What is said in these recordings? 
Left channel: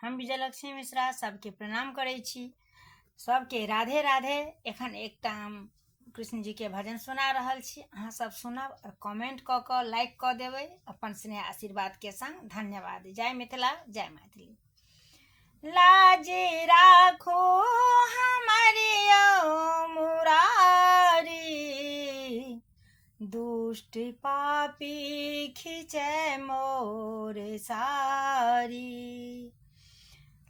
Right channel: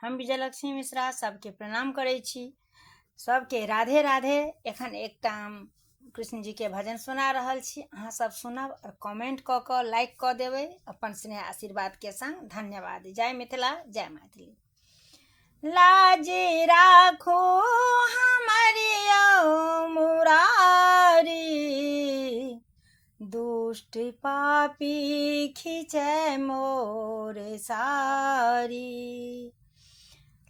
हम विजयलक्ष्मी मिश्रा सबके प्रणाम करै छी। सबके राधे राधे। एखन एकटा हम कृष्ण जी के भजन सुना रहल छी, अहाँ सब सुनब और कमेंट क के लाइक क देबै अपन स्नेह आशीर्वाद के संग। धन्यवाद। जय मिथिला, जय मैथिली। लाज राखो हमारे मुरारी, दुष्ट पापी खींचे मोर सारी।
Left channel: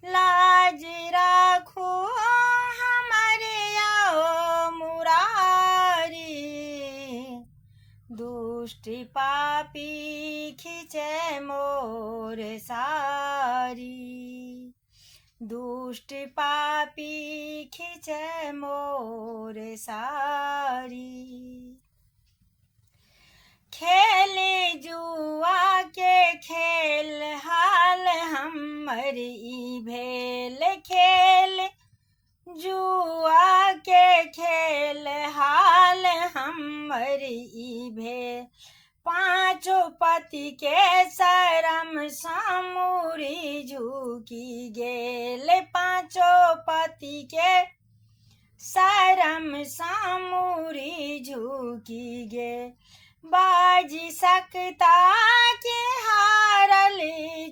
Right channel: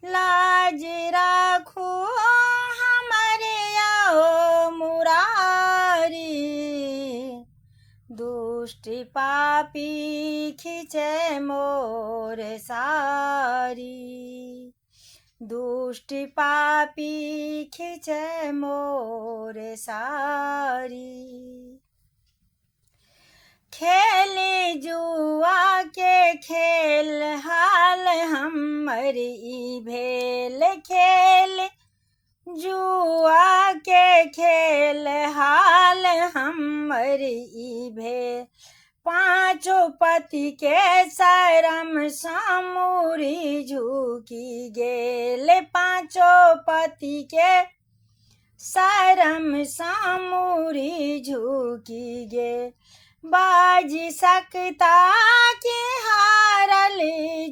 लाज राखो हमारे मुरारी, दुष्ट पापी खींचे मोर सारी। दुष्ट पापी खींचे मोर सारी। खेल जुआ के खेल हाल हमर ई भेल, खेल जुआ के खेल हाल हमर ई भेल। पांचों पति के शरम सामुरी झुकी गेल, पांचों पति के शरम सामुरी झुकी गेल। बाजी सकता के हारल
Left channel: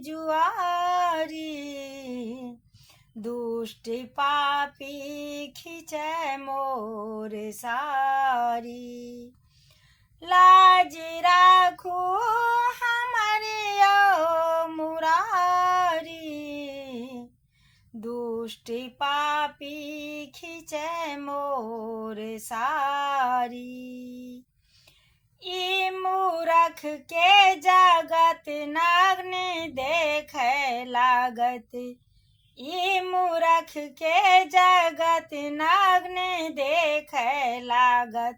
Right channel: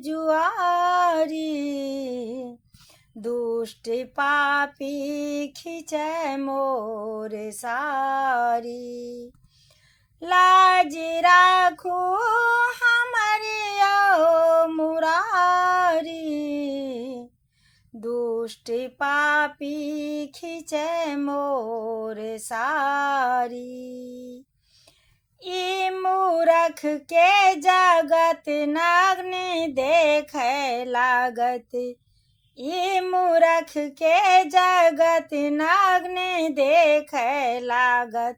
जुआरी, दुष्ट पापी खींचे मोर सारी। लाज राखो हमारे मुरारी, दुष्ट पापी खींचे मोर सारी। ई मूरख के जगत नग्न देखे लागत, ई मूरख के जगत नग्न देखे लागत।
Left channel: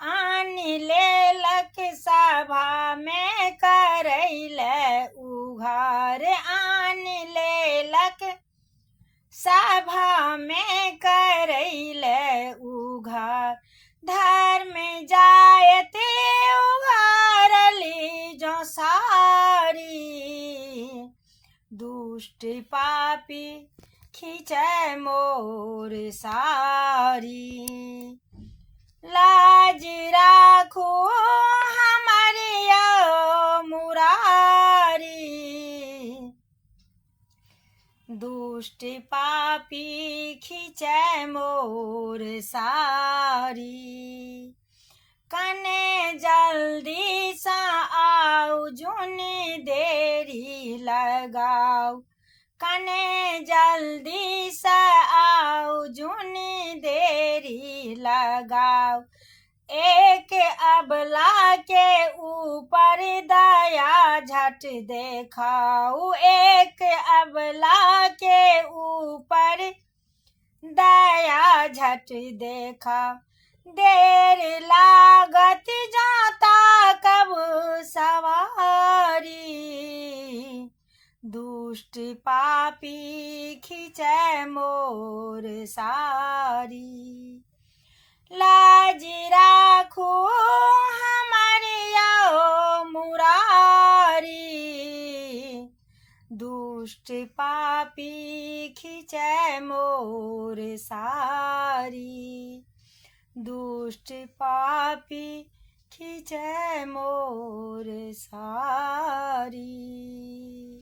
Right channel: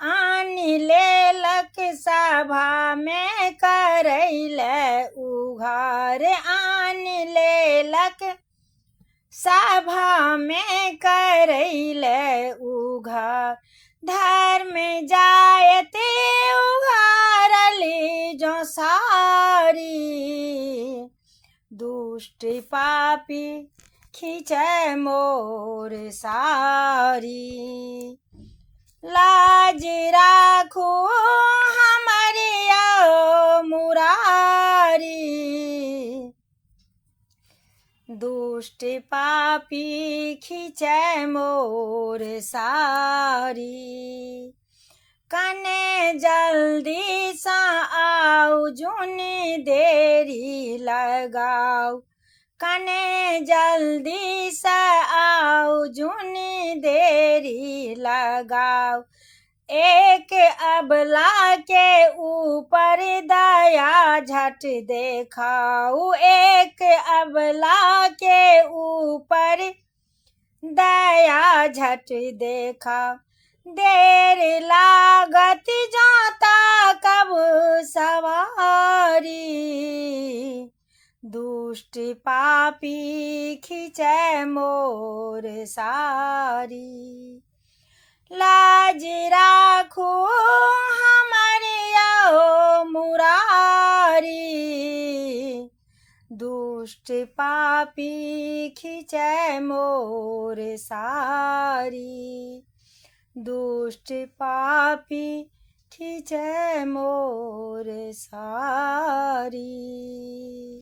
आन लेलक सभा में करैले उघार, आन लेलक सभा में करैले उघार। धर्म जायते उघारली जो सारी, दुष्ट पापी खींचे मोर सारी। लाज राखो हमारे मुरारी, दुष्ट पापी खींचे मोर सारी। कने जल्दी सा आओ जुनी देरी लगाओ, कने जल्दी सा आओ जुनी देरी लगाओ। एक अबला के ऊपर दया झट देखाओ, एक अबला के ऊपर दया झट देखा। देर लागत जाता कब सवारी, दुष्ट पापी खींचे मोर सारी। लाज राखो हमारे मुरारी, दुष्ट पापी खींचे मोर सारी। दुष्ट पापी खींचे मोर सारी।